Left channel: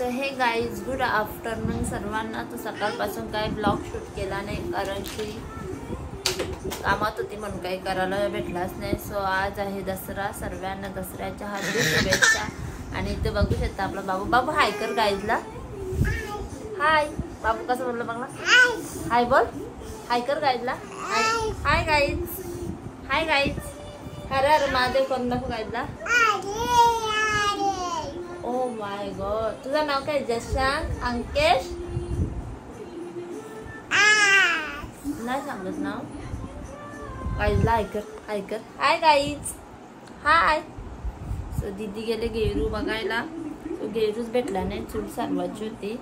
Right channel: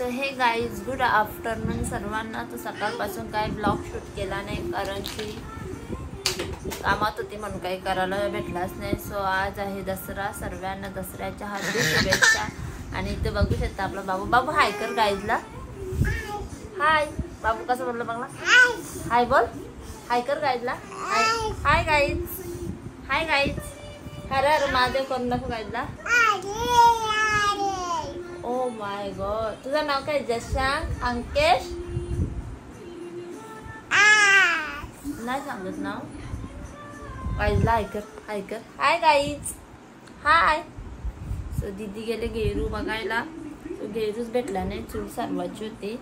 So हे guys good afternoon सर्वांना. तो सकाळपासून काय ब्लॉग शूट केला नाही कारण की कामात होती म्हणून काही करायला भेटलाच नाही. सो आज आहे दसरा. सर्वांना दसऱ्याच्या हार्दिक शुभेच्छा. आणि इथे बघू शकता आपला बाबू. बाबू हाय कर गाईजला. हाय बाबू कसं बोललं बघला. हाय बोल. हाय कर गाईजला. Hi guys. Hi guys. अरे अरे महादेव करू नको गाईजला. Oh my God. तुझं नाव काय. जशांक अंकेश नाही सांगत नाव. गाईजला हाय कर. हाय कर. Hi guys. हाय. सो दीदी गेले गेरू बघायला. तो गेरूच भेटला नाही. चूल सारवायची होती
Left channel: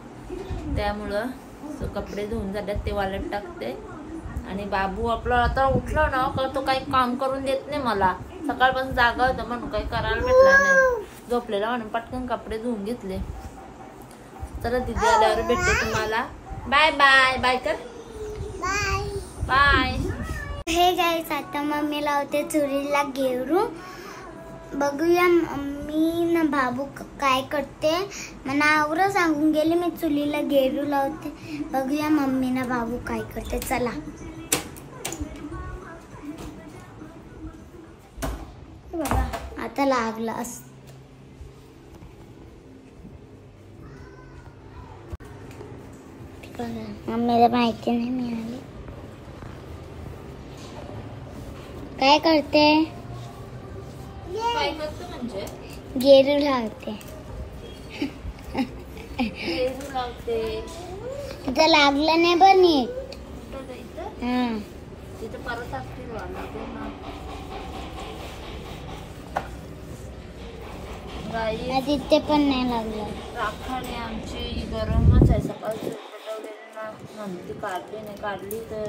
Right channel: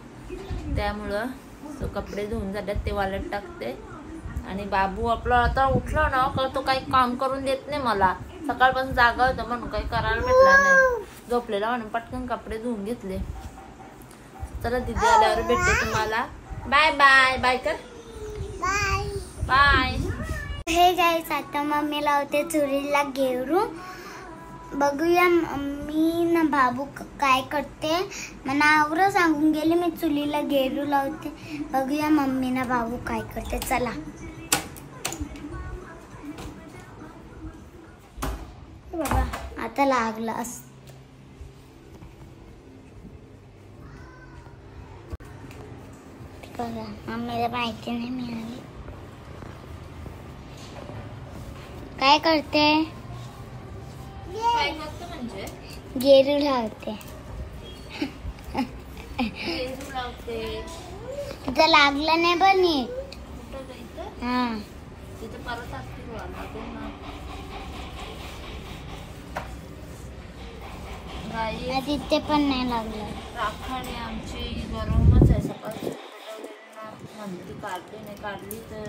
त्यामुळं तो कपडे धुवून झाल्यात ते वाळत टाकते. आणि बाबू आपला आता उठला ना का तो काही काम करून देत नाही मला. सकाळपासून जागा होता म्हणून काही करायला भेटला नाही. झोपलेला म्हणून पटकन कपडे धुवून घेतले. चला दीदी आल्यावर भेटते तुम्हाला. Bye bye. बाय कर. Bye bye. हे गाईस आता मम्मी लावते चुलीला गेरू. बघूया मम्मी ना बाबू काय करते. मला आवरं सांगून गेले मी चुलीला गेरू लावते. बघूया मम्मी ना बाबू काय करते. चला बाबा आता लागला असत. मम्मीला माहिती नाही मिळाली. काय करते. काय करतो म्हणजे गेरू लावते. गेरू लावते. इथं लागलं नाही पण नीट. तिथे परत टाकते लागेल ना. गाई तिथे पण नाही लागलं. राखाडी आमची गरमच आहे. सकाळची पेटवलेली ना म्हणती काढली नाही. काढली तर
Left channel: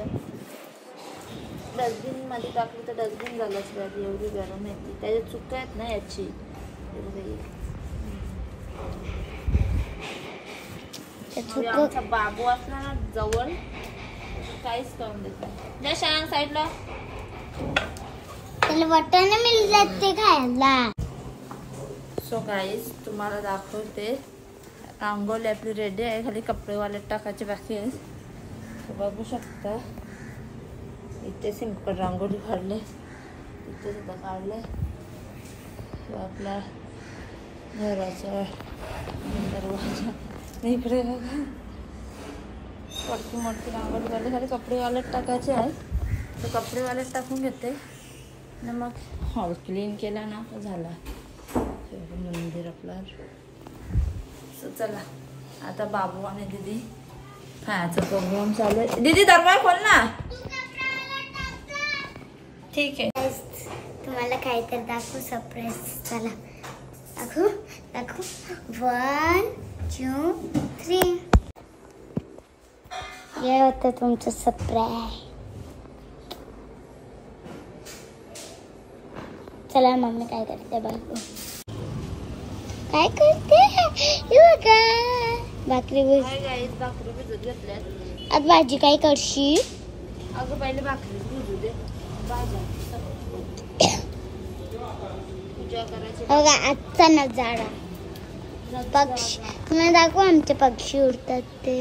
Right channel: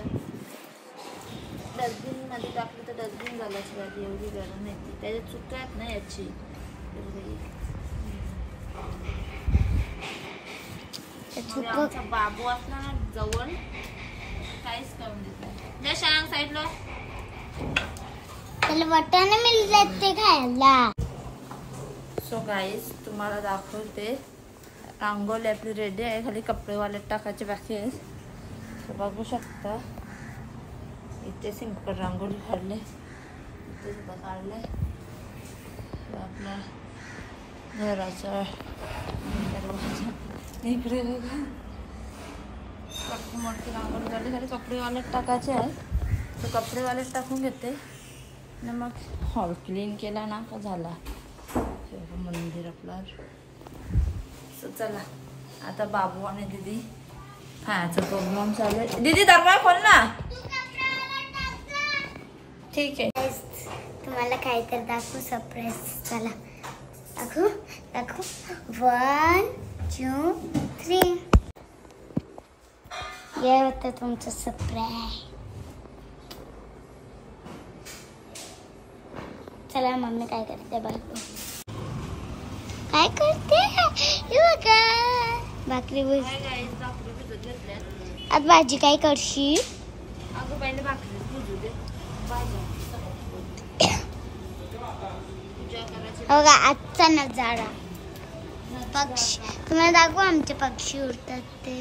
डस्टबिन मध्ये टाकली तर डस्टबिन झालाच पाहिजे. एवढी गरम आहे ती. त्याच्यात चुका आहेत ना याची. आमचा बाबू असला ना जवळ काहीच करून देत नाही. शाळा साईडला त्याला वाटाणे मिळतात ते खायला. सो गाईज तुम्हाला दाखवते. रांगोळी आपली रेडी आहे. खाली कपडे वाळत टाकायचे बाकी आहे. बघू शकता इथे सिंपल रांगोळी काढले. इथे सुद्धा काढले. आपला घराचा दरवाजा इकडे बघा. मोठी मोठी रांगोळी काढली. खाली कपडे वाळत टाकायचे आहे. तर कपडे वाळत टाकून घेते आणि मग हॉल क्लीन केला ना का झाला मंदिर आपला. सो चला आता बाबू आणि दीदी खायचा प्रोग्राम चालू आहे. दीदी दरवाजा खोल ना. ठीक आहे. तुम्हाला काहीतरी दाखवू सरप्राईज. चला दाखवू दाखवू. 1 2 3. हे होतं तुमचं सरप्राईज. चला मम्मी काय करते बघू. काय करते. बघा भाकरी भिजत घेतल्यात. आज भाजी काय करशी. अगं पहिले भाकरी भिजू दे. पूजा करायची. बघा आजचा नजारा. पक्षी मला दाखवू. आमचे पक्षी उडतात ते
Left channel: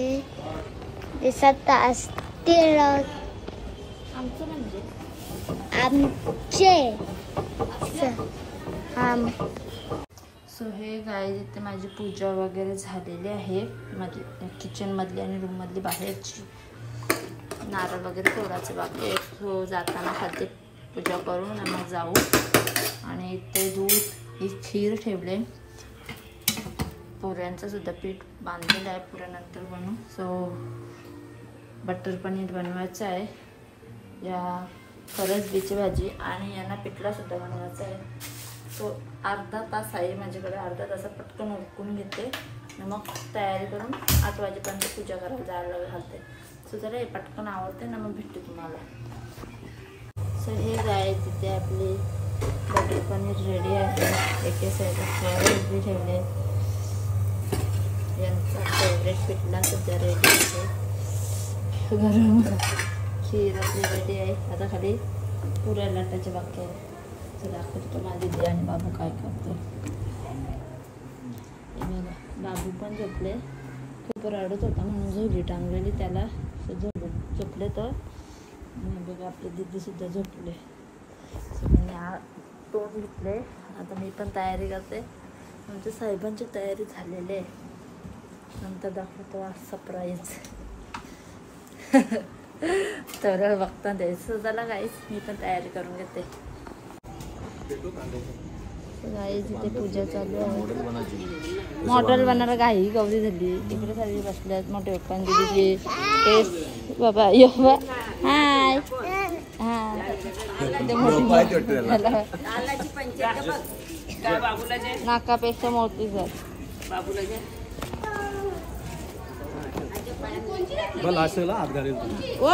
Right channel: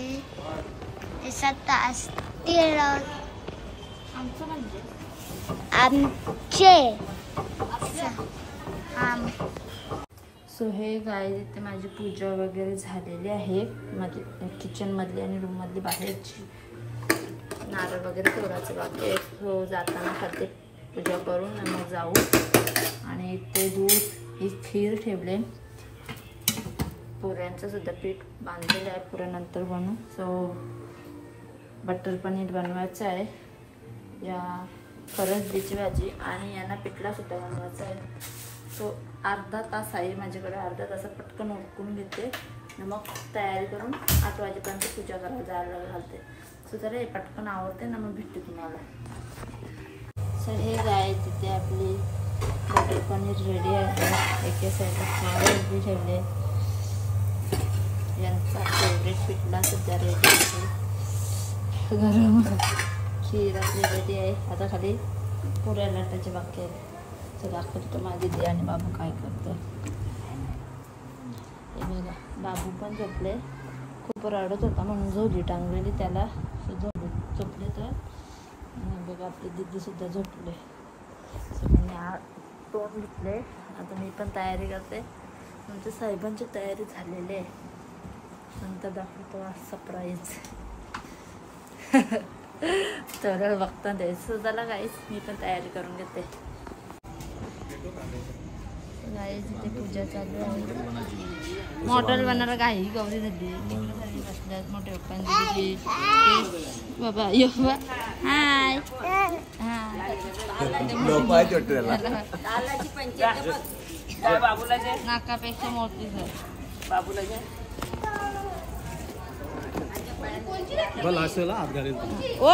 दिसत असतील. आमचं म्हणजे आमचे. सो हे गाईज इथे माझी पूजा वगैरे झालेली आहे. माझी किचन मधली आणि रूम मधली बाहेरची. नारळ वगैरे तोडायचं बाकी. हो जाताना खाते पूजा करून मग जाऊ. आणि इथे दूध ही खीर ठेवले. पुऱ्यांचं सुद्धा पीठ बांधलेलं आहे. पुऱ्यानंतर बनवू. सो बटर पनीर बनवायचं आहे. या फरसबीची भाजी आणि यांना पिठला सुद्धा बनवायचा आहे. तो अर्धा तास आहे माझ्याकडे. अर्धा तासात पटकन उरकून घेते. मग तयारी करून 8 वाजेपर्यंत पूजा करायला जायला घालते. सो जरा हे पटकन आवडते ना मग भेटते तुम्हाला. सो हे गाय तिथे आपली बटर पनीर रेडी आहे. एके साईड बी ठेवले. यांचा फेवरेट पिठला सध्या रेडी आहे. गरम खीर आपली रेडी आहे. आता खाली पुऱ्या लाटायचे बाकी आहे. दाखवतो माझी दीदी आणि बाबू काय करतो. बाबू पण झोपले, खूप रडत होता म्हणून झोली टांगलेली त्याला, झोपले तर. आणि बघा आपली दीदीसुद्धा झोपले. सगळ्यांनी तोंड घेतले. आता मी पण तयारी करते. आमच्या साहेबांची तयारी झालेली आहे, नंतर दाखवतो सरप्राईज. तर बघता द्यायचं झाला गाईस, मी पण तयारी करून घेते. गाईस इथे पूजा चालू आहे. मॉडेल बनणार काही गौरी झाली, तिकडे सारखी बसल्यात मोठे पप्पांची दिदी तेच बाबा यो हाय नाकापेक्षा मोठी सर बाबूला हात घालेल ओ.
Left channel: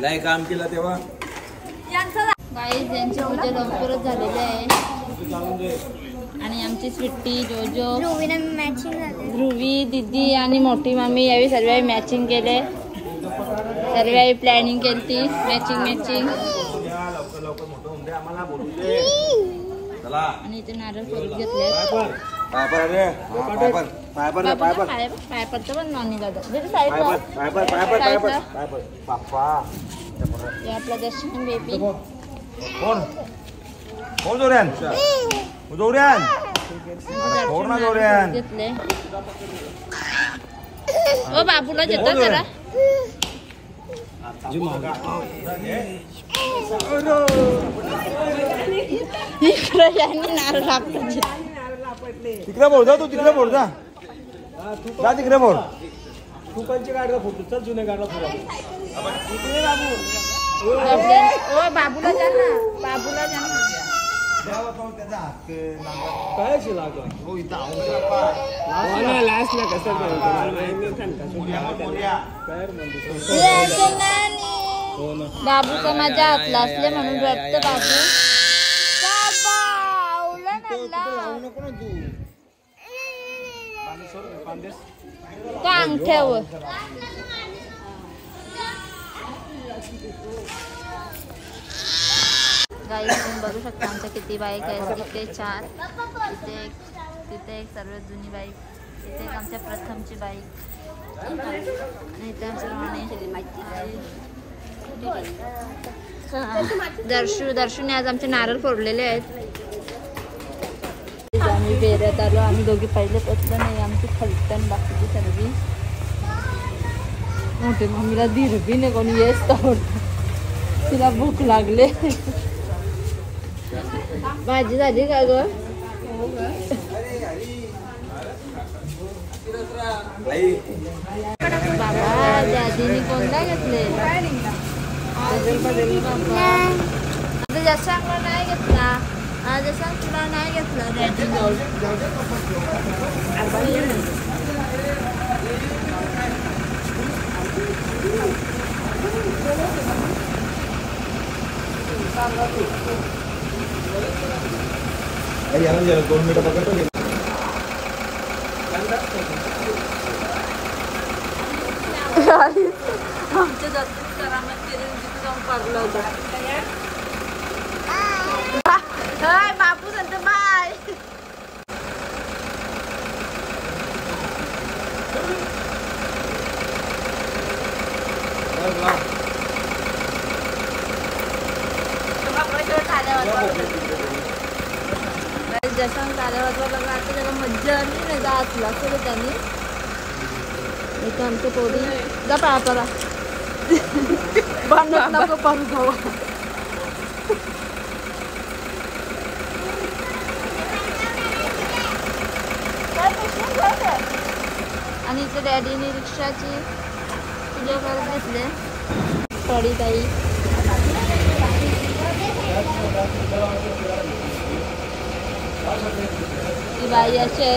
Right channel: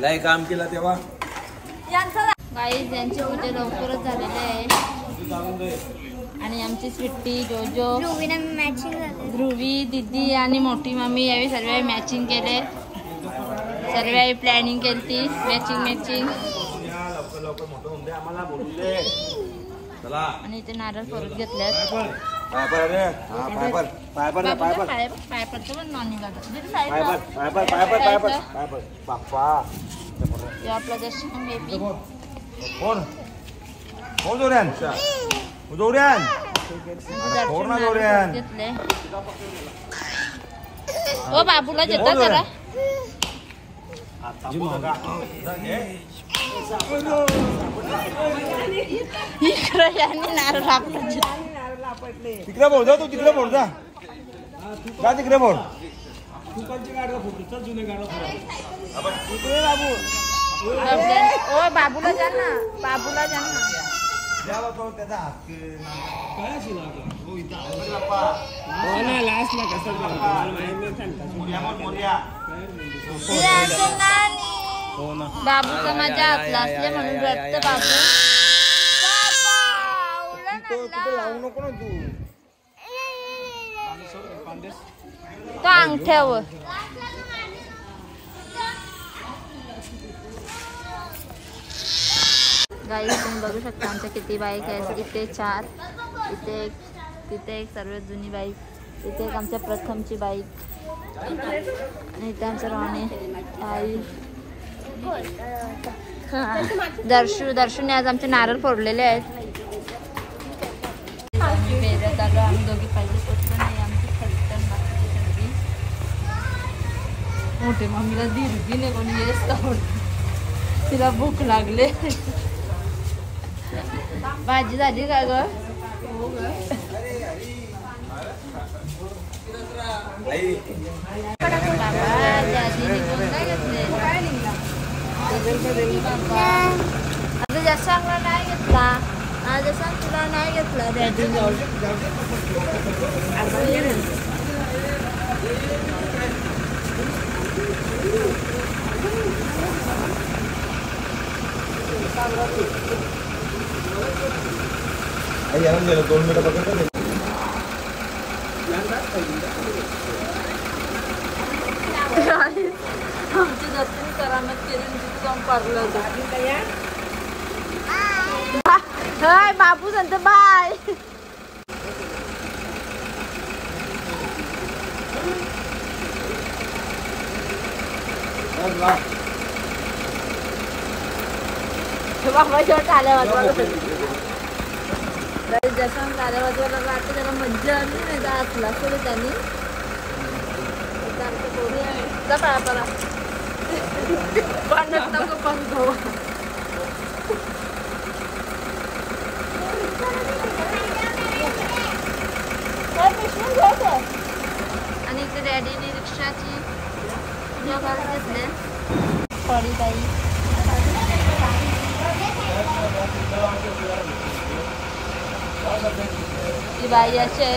लय काम केलं तेव्हा. गाईज यांची पूजा लवकरच झालेली आहे. आणि आमची स्वीटी जोजो ध्रुवी दीदी आणि मोठी मामी यावेळी सर्व मॅचिंग केले. सर्व प्लॅनिंग केली ती मॅचिंग. लवकर मोठं होऊन दे आम्हाला, बोलू दे. चला. आणि इथे नारळ फोडून घेतल्यात. पायपर रे, पायपर पायपर पायपर पायपरचं पण नाही लागत. पायपर पायपर पायपर पायपर पायपर बाप्पा. आपला जस्टिन बेबी कोण कोण जोऱ्यान जोऱ्यान कोण ना जोऱ्यान घेतले. ओ बाबूला देतो जरा. तिकडे बोल जा, तू तिकडे बोल जा, तिकडे बोल. फुकांची गाडीला फुटू, चल जुने गाडीला फुटू. इकडे बाबू. ओ बाबूला जा ना, बाबूला जा ना. काय शिलाग लास्ट ना कसं बाबूचा माझ्या हातला असले म्हणून रडतं बाबू. कुठे लावू नको ना तू. तो अंगठ्यावर गाईस तुम्ही बघू शकता आमच्या किती बाईक आहेत. इथे 4, तिथे एक सर्वात जुनी बाईक, इथे एक आमच्या प्रथमची बाईक, आणि इथे आमचं राणे आई दर्शूने आज आमचे नारळ फोडलेले आहेत. आम्ही बेऱ्यात आलो. आम्ही दोघी पहिले पचलं नाही, आमची फलटण बाकीची सर्वी. मोठे मम्मीला धीरबी नाही कोणी येस तर तिला भूक लागले. भाजी झाली का ग? बाबा दादीने कोणता घेतले? आता जशांकला नाही घेतला, जशांक तुला नाही घेतला डॅडीने. याला 2 मिनिटं बघतो. आमच्या दत्तनी करामत केली, तिथे जाऊन पडलं होतं. हाय बाबू सांगतो बाय. जसं काल्या वाजवायला लागला. आता त्याला मज्जा आली नाही जातला केलं त्यांनी. भांडण नको पंगो. आणि इथे डॅडीने रिक्षाची पूजा करत घेतले. थोडी काही बाई असे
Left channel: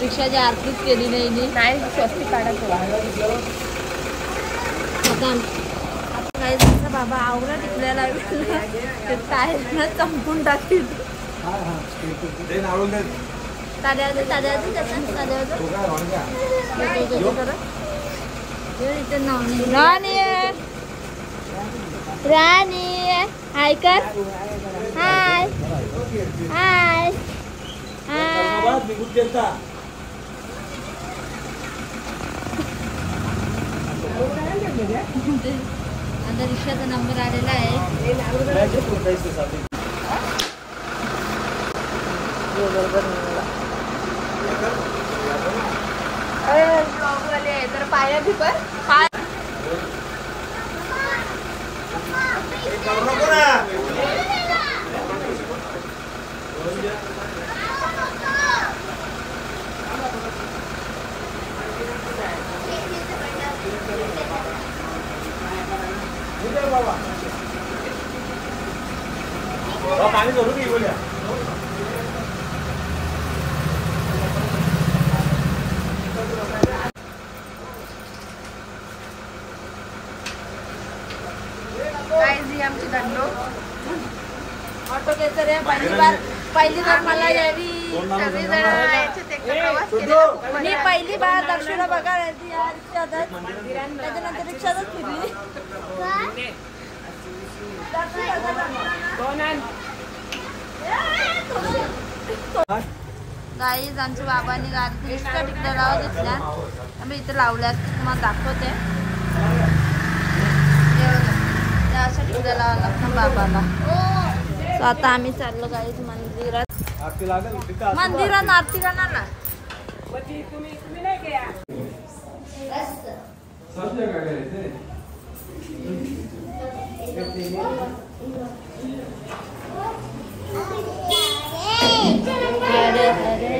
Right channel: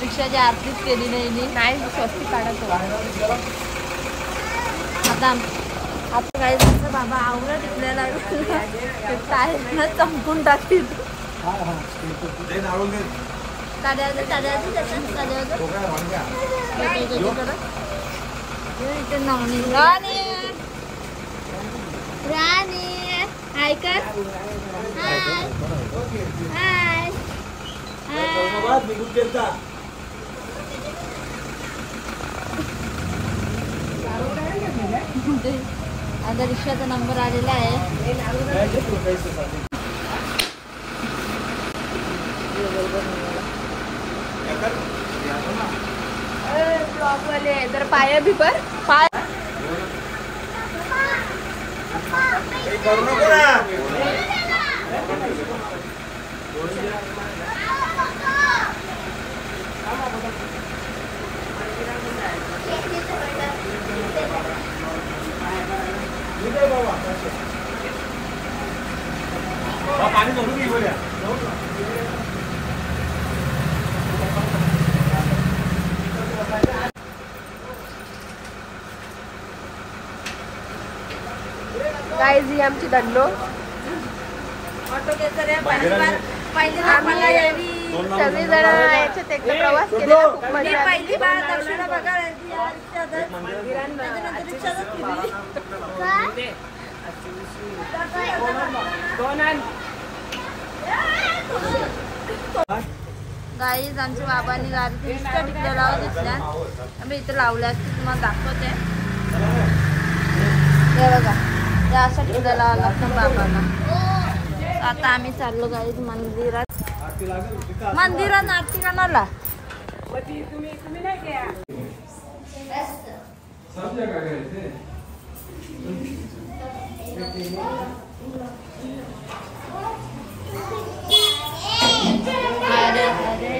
रिक्षाची आरतीच केली नाही स्वस्ती काढत होता. आता काही त्यांचा बाबा आवरा टिकलेला आहे चंपून टाकील. राणी हाय कर. हाय हाय आता रिक्षाचा नंबर आलेला आहे. पाणी जोडून घे बोल्या. काय जी आमची दंडो ऑटो घेतलं रे. पहिली सगळी जण याच्यात एकदा प्रवास केलेला खूप मजा. पहिली बार दक्षिणा बघायला त्याच्यानंतर रिक्षातच फिरली. गाईज आमच्या बाबांनी गाडीची रिक्षा टिकलेला घेतल्या. आम्ही इथे लावल्या तुम्हाला दाखवते. हे बघा ते अशा टिकलेला लागतं बाबाला. आता आम्ही चाललो गाईज मंदिरात. मंदिरात आरती करण्याला. अरे अरे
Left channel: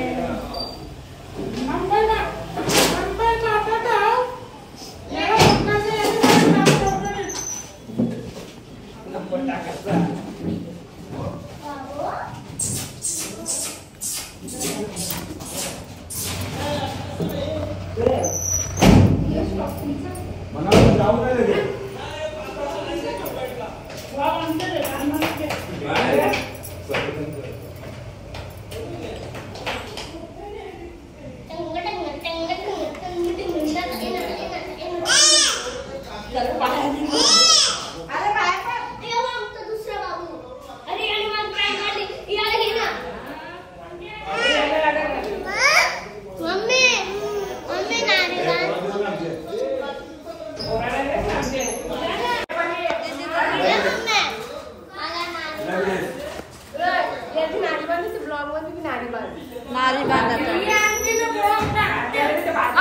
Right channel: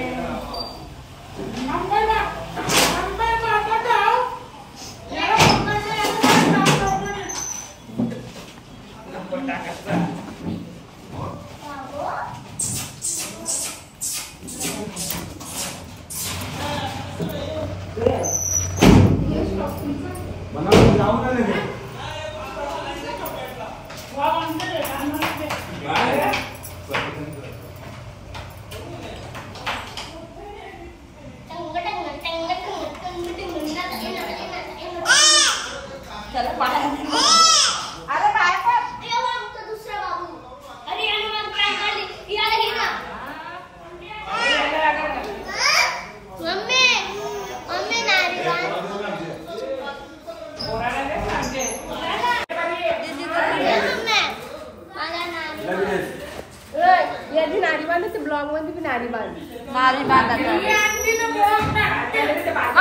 नारी बांधायचा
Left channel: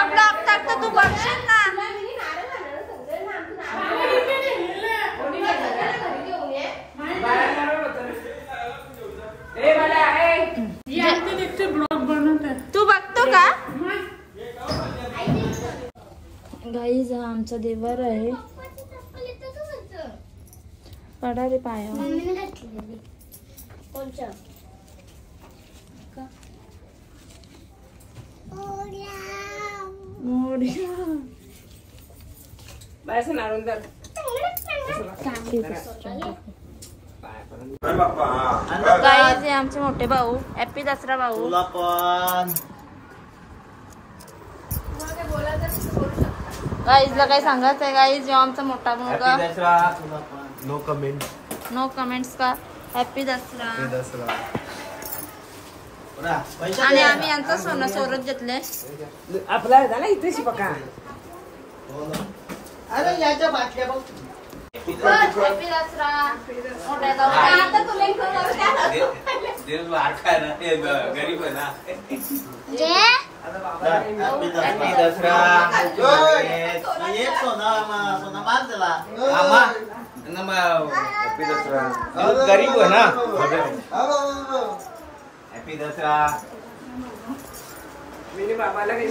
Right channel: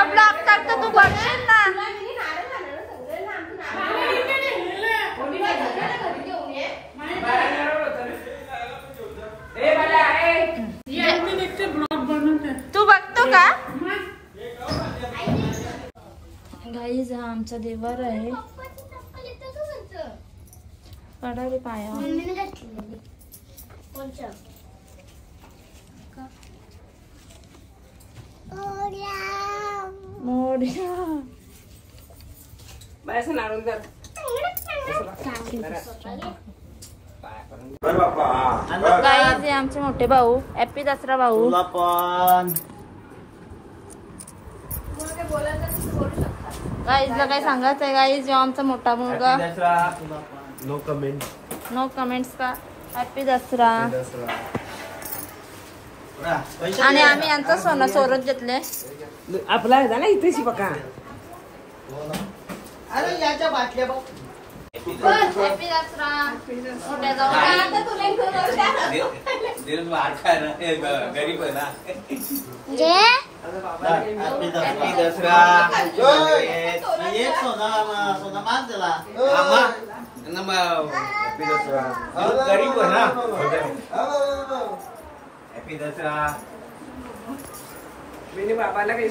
ब्लॉक टाकतो तू बघशील ना. तू बघतो का गाईज? हा आमचा देवर आहे. पडा रे पाया. गाईज आमचे मोठे भाऊ. हॅपी दसरा भाऊ. गाईजला काय सांगायचं आहे? गाईज आमचा मोठा मुलगा. No comment. नो कमेंट्स का. हॅपी दसरा. आणि आम्ही यांचं सोनं सोरत घेतले. आपला इथे पका. अरे याच्या बाटल्या बघ. हॅपी दसरा. गरीब आहे ना. जे हॅपी दसरा. हॅपी दसरा. गरीब आहे ना. हॅपी दसरा. बाबाला काही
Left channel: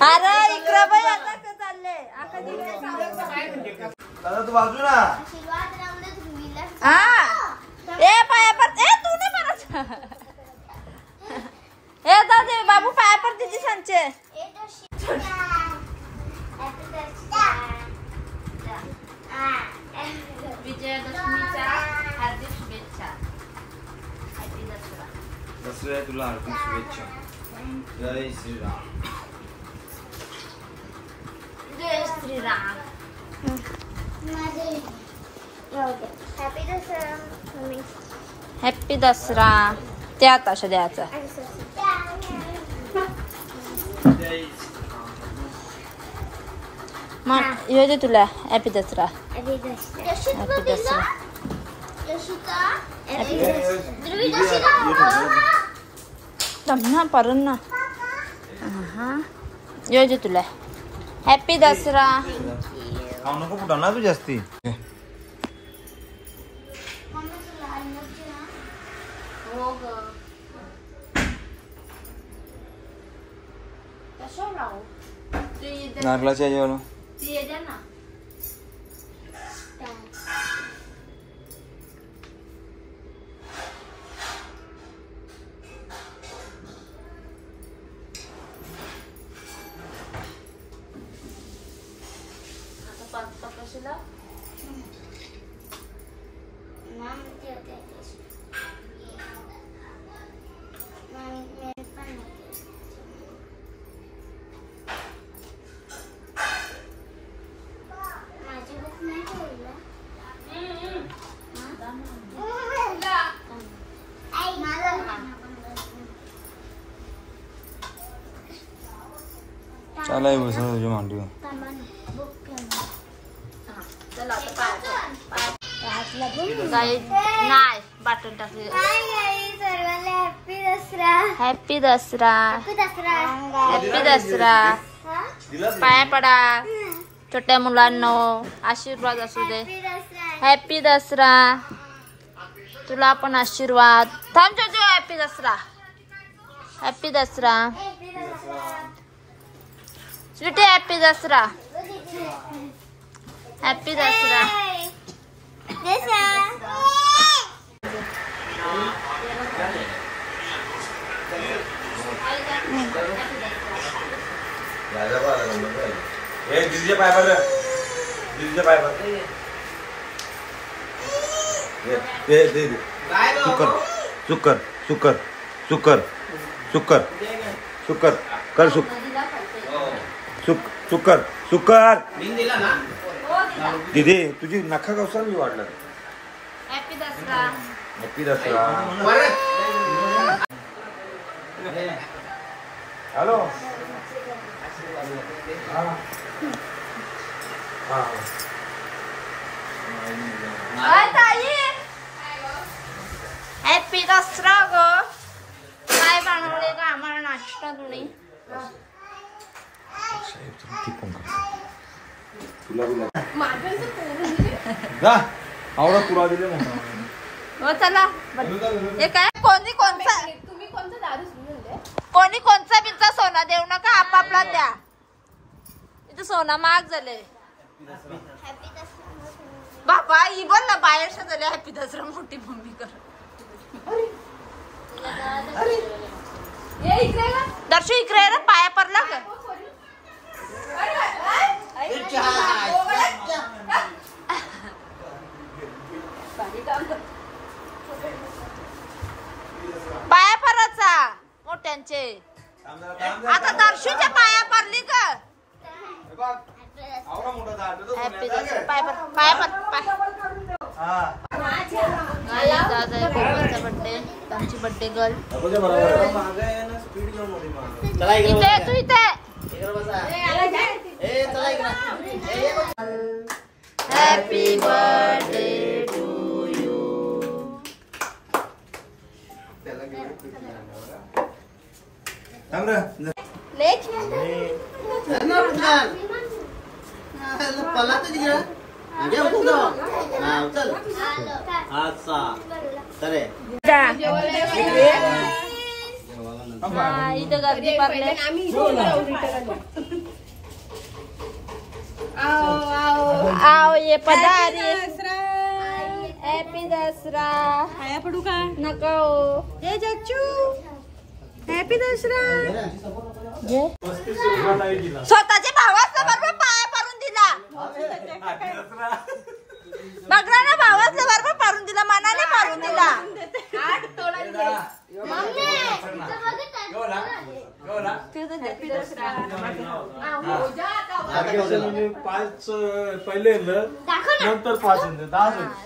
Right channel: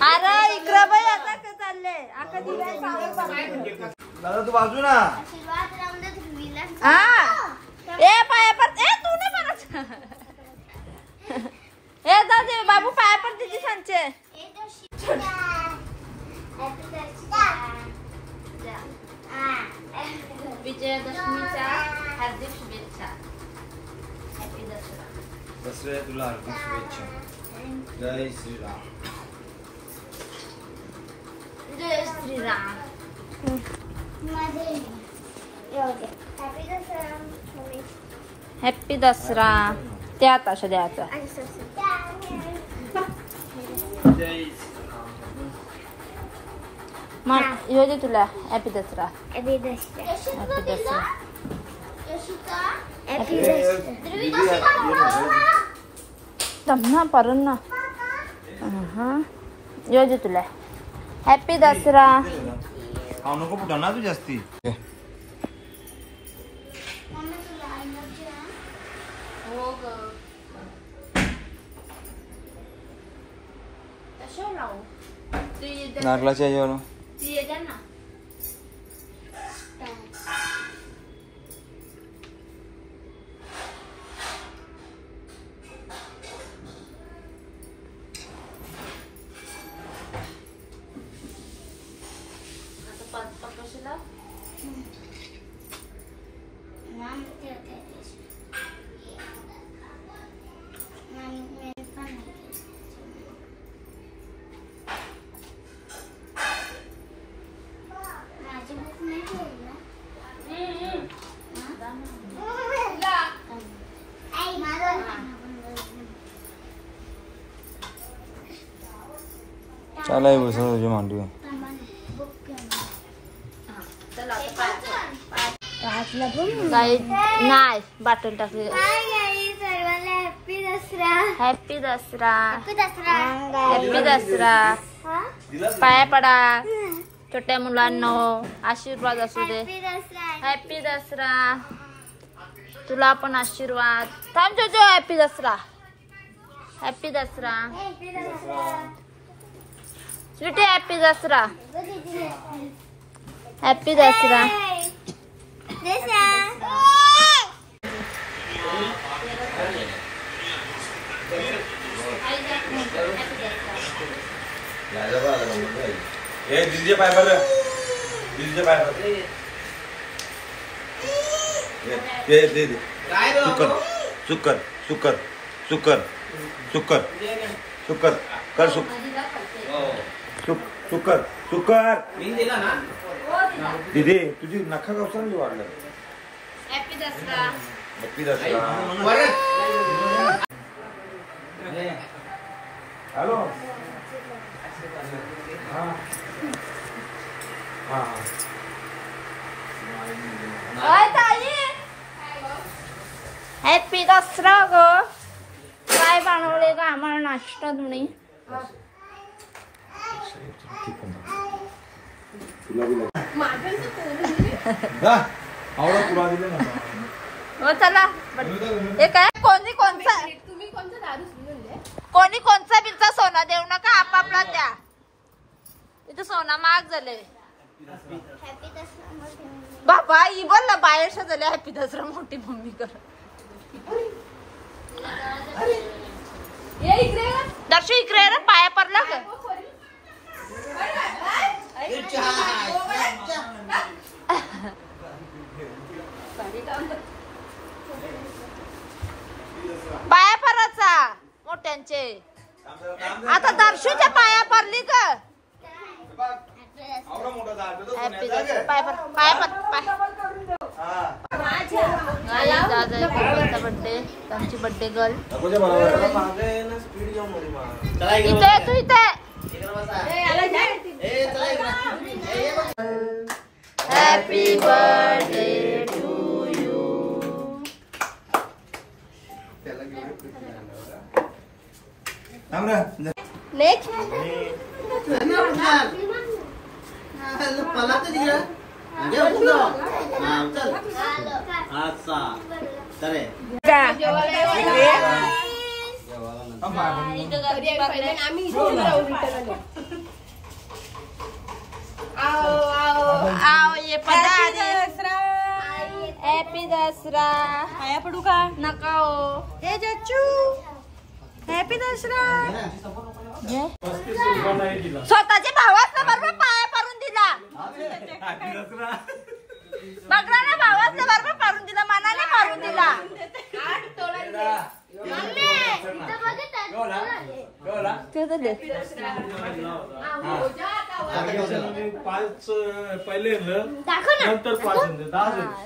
अरे इकडं बाई आता काय चालले आका तू बाजू ना. हा ए पाया पर ए तू नाही म्हणत ए दादे बाबू पाया पर दिदी सांचे विजयादशमीच्या हार्दिक शुभेच्छा. हॅपी दसरा. दसऱ्या तुला हार्दिक शुभेच्छा. जय श्रीराम. जय श्रीराम. हॅपी दसरा. त्या ताशा द्यायचा. मग येऊ दे तुला. हॅपी दसरा. हॅपी दसरा. ना परण ना हा येऊ दे तुला. हॅपी दसरा. खाऊ नको पुढा ना तू जास्ती. नारळाच्या याच्यावर ना चालाय बसं तुझ्या मांडीवर. काही नाही बाटल टाकली. Happy Dasara. Happy Dasara. Happy Dasara. Happy Dasara. पाया पडा छोट्या मुलांना. आशीर्वाद असू दे. हॅपी दसरा. तुला पण आशीर्वाद. थांब जो. Happy Dasara. Happy Dasara. Sweety happy Dasara. Happy Dasara. दीदीचे पाय पर. दीदीचे पाय पर. शुकर शुकर शुकर शुकर शुकर शुकर कर. शुकर शुकर. दीदी तुझी नखा कवसार मी वाढलं. हॅपी दसरा. नक्की दसरा. हॅलो. हॅपी दसरा ग. काय बनवले का आम्हाला नाश्ता तुम्ही. आवडा तुला दिलं ना. हो चला. हे काय कोणी कोणचा बिनचा सोना देऊ नका. आपापला द्या. इथं सोना महाग झाले. बाबा ही बोल ना बाहेर झाले. हॅपी दसरा मोठी मम्मी कर. दर्शू इकडे रे. पाया पडला का. पाया पडायचा मोठ्यांचे. आता दर्शूच्या पाया पडली का. हॅपी दसरा. पाया पर पाया पर पाय. आज आहे कोमलचा बर्थडे, आमची बर्थडे गर्ल. इथे तू इथे. Happy birthday to you. Next आओ ये पदारी. हॅपी दसरा. पाया पडू का नका हो. हे जच्चू हॅपी दसरा. स्वतःच्या भावाचा बरोबर पाया पडून दिला. बघला ना, भावाचा बरोबर पाडून दिला, मनाने पाडून दिला. नंतर 5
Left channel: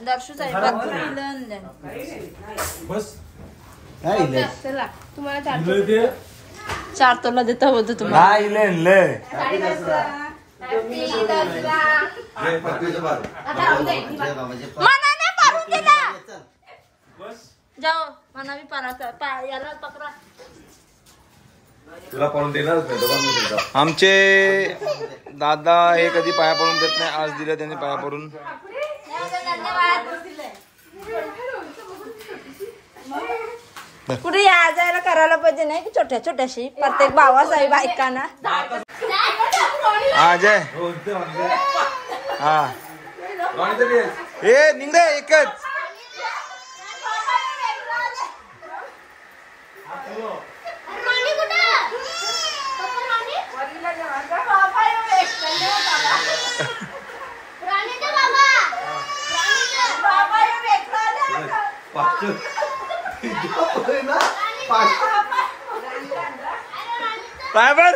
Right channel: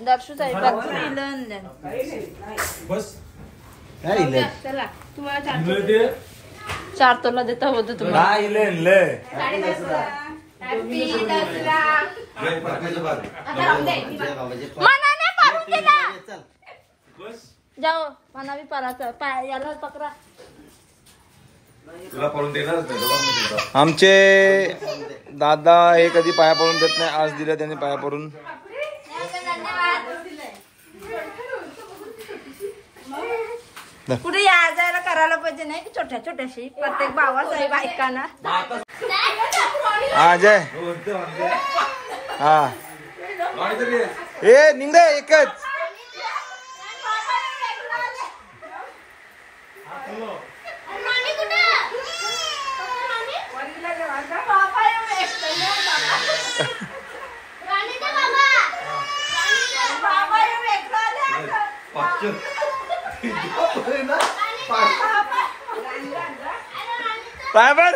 दर्शू साईड बस चला तुम्हाला चार तोला देता होतं तुम्हाला. मनाने पाडून दिला. जाओ मना भी पारा याला पकड़ा. तुला पडून देणारच नाही. आमचे दादा हे कधी पाया पडून देत नाही. आज दिलं त्यांनी पाया पडून. कुठे या जायला करायला पाहिजे नाही की छोट्या छोट्याशी प्रत्येक भावासाहेब ऐकाना. हा जय हा ए निघ एकच. पाय पड.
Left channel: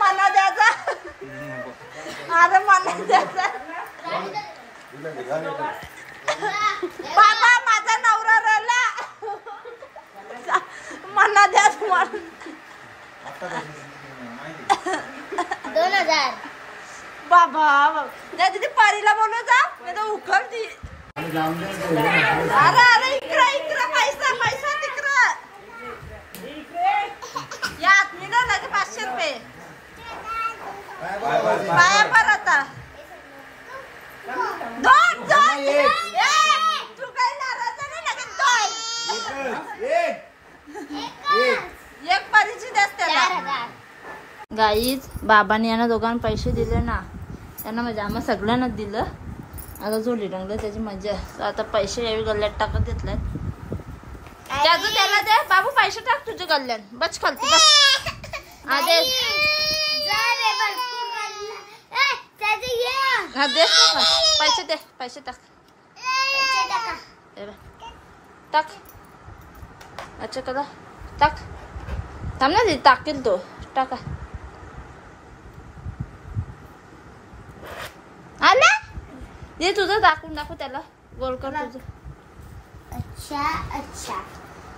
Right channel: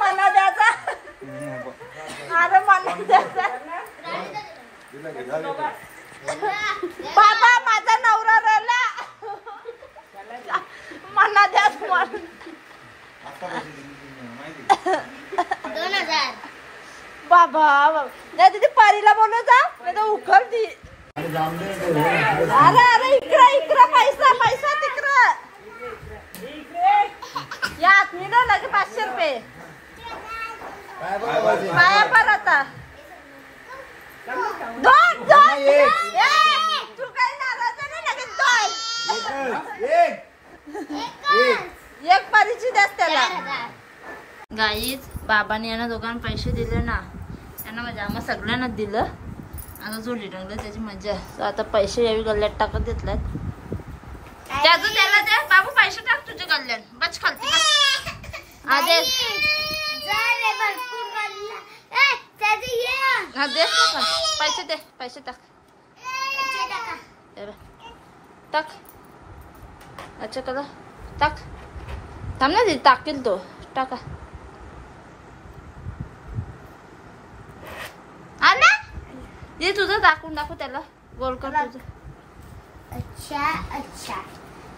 मना द्यायचा. अरे मना द्यायचा. बाबा माझा नवरा रडला. मना द्याच म्हणून. 2000. बाबा त्या तिथे पारीला बोलव जा, नाही तर उखल ती. अरे अरे इकडं इकडं पैसा पैसा तिकडं. या आत्मीला लगे 500 रुपये. पाया पर आता. दोन दोन. तू काही नाराज नाही लगेच दोन. एक पारीची द्यास त्याला. गाईज बाबांनी यांना दोघांना पैसे दिले ना, त्यांना म्हणजे आम्हाला सगळ्यांनाच दिलं. आता जोडली टाकलं त्याची मजा आहे. तर आता पैसे यावी गल्ल्यात टाकत घेतल्यात. त्याचं त्याला दे बाबू, पैसे टाक तुझे गल्ल्यात. बच खालती बस. आदे हा दे पैसे दे. पैसे टाक टाक. अच्छा करा टाक. थांब ना दे टाकेल तो. टाका. आला दे तुझं दाखवून दाखव त्याला. गोल कर तुझं. अच्छा अच्छा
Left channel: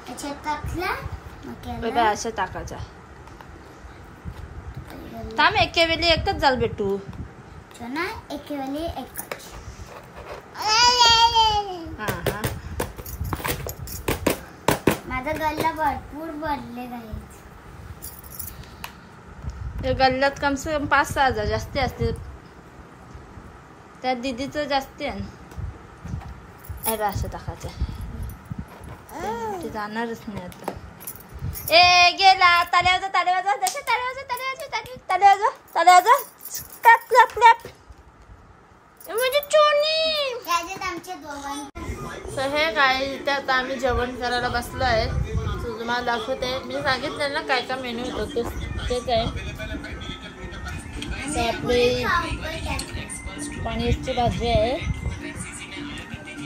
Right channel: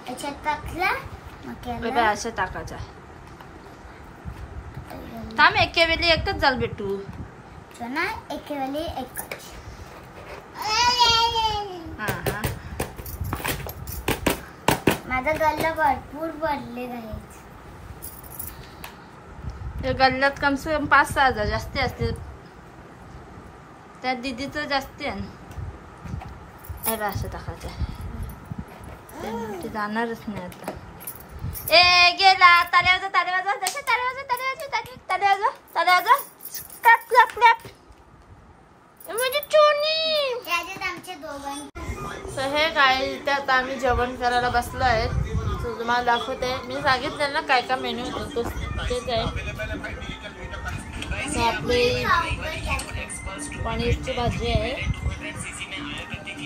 अच्छा टाकला. बघा असं टाकायचा. थांब एके वेळी एकच जाल भेटू. ना एके वेळी एकच. हा हा माझा गल्ला भरपूर भरले आहे. गल्ल्यात कम से कम 5-6 हजार जास्ती असते. त्या दीदीचं जास्ती आहे. असं टाकायचं. ते जाणारच नाही आता. ए गेला. ताले वाजव ताले वाजव. जसे ताले वाजव ताले वाजव ताले वाजव ताले वाजव. Clap clap clap. म्हणजे चोनी. आमचे दोघांनी. तर हे काय इथे आता आम्ही जेवण करायला बसलो आहे. तुम्हाला दाखवते. मी सांगितलं ना काय काय मेन्यू होतो तेच आहे. आपली पनीरची भाजी आहे.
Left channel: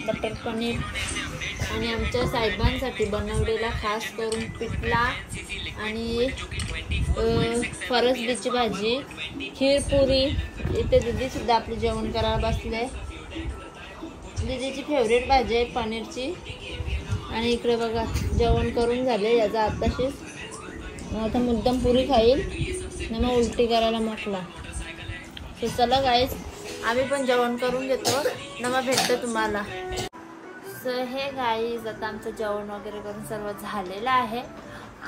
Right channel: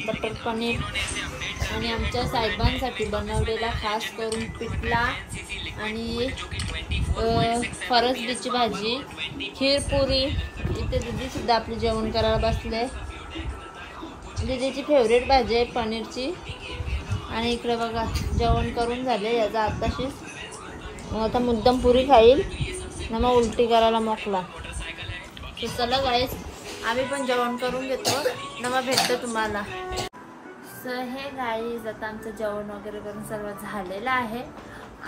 बटर पनीर आणि आमच्या साहेबांसाठी बनवलेला खास करून पिठला आणि फरसबीची भाजी, खीर पुरी. इथे दीदी सुद्धा आपली जेवण करायला बसले. दीदीची फेवरेट भाजी आहे पनीरची. आणि इकडे बघा जेवण करून झाले याचा आताशीच. आता मुद्दाम पुरी खाईल ना मग उलटी करायला मोकला. तर चला गाईस आम्ही पण जेवण करून घेतो ना मग भेटतो तुम्हाला. सो हे गाईज आता आमचं जेवण वगैरे करून सर्व झालेलं आहे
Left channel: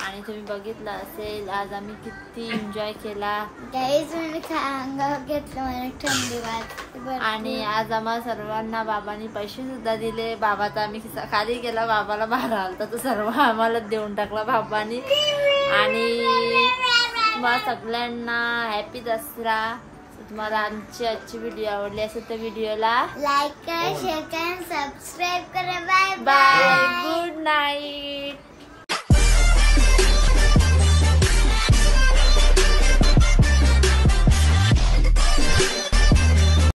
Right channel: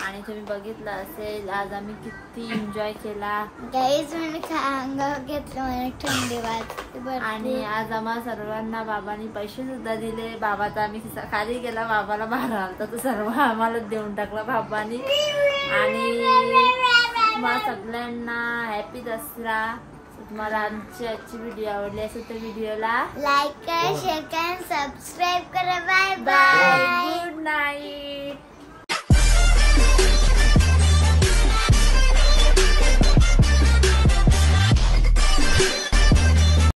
आणि तुम्ही बघितलं असेल आज आम्ही किती एन्जॉय केला. गाईज मी अंगावर घेतलं मला थंडी वाजते. आणि आज आम्हा सर्वांना बाबांनी पैसे सुद्धा दिले. बाबाचा आम्ही खिसा खाली गेला, बाबाला मारा आलता तो सर्व आम्हाला देऊन टाकला बाबांनी. आणि तुम्हाला सगळ्यांना हॅपी दसरा. तुम्हाला आजची व्हिडिओ आवडली असेल तर व्हिडिओला लाईक करा, शेअर करा, सबस्क्राईब करा. Bye bye, good night.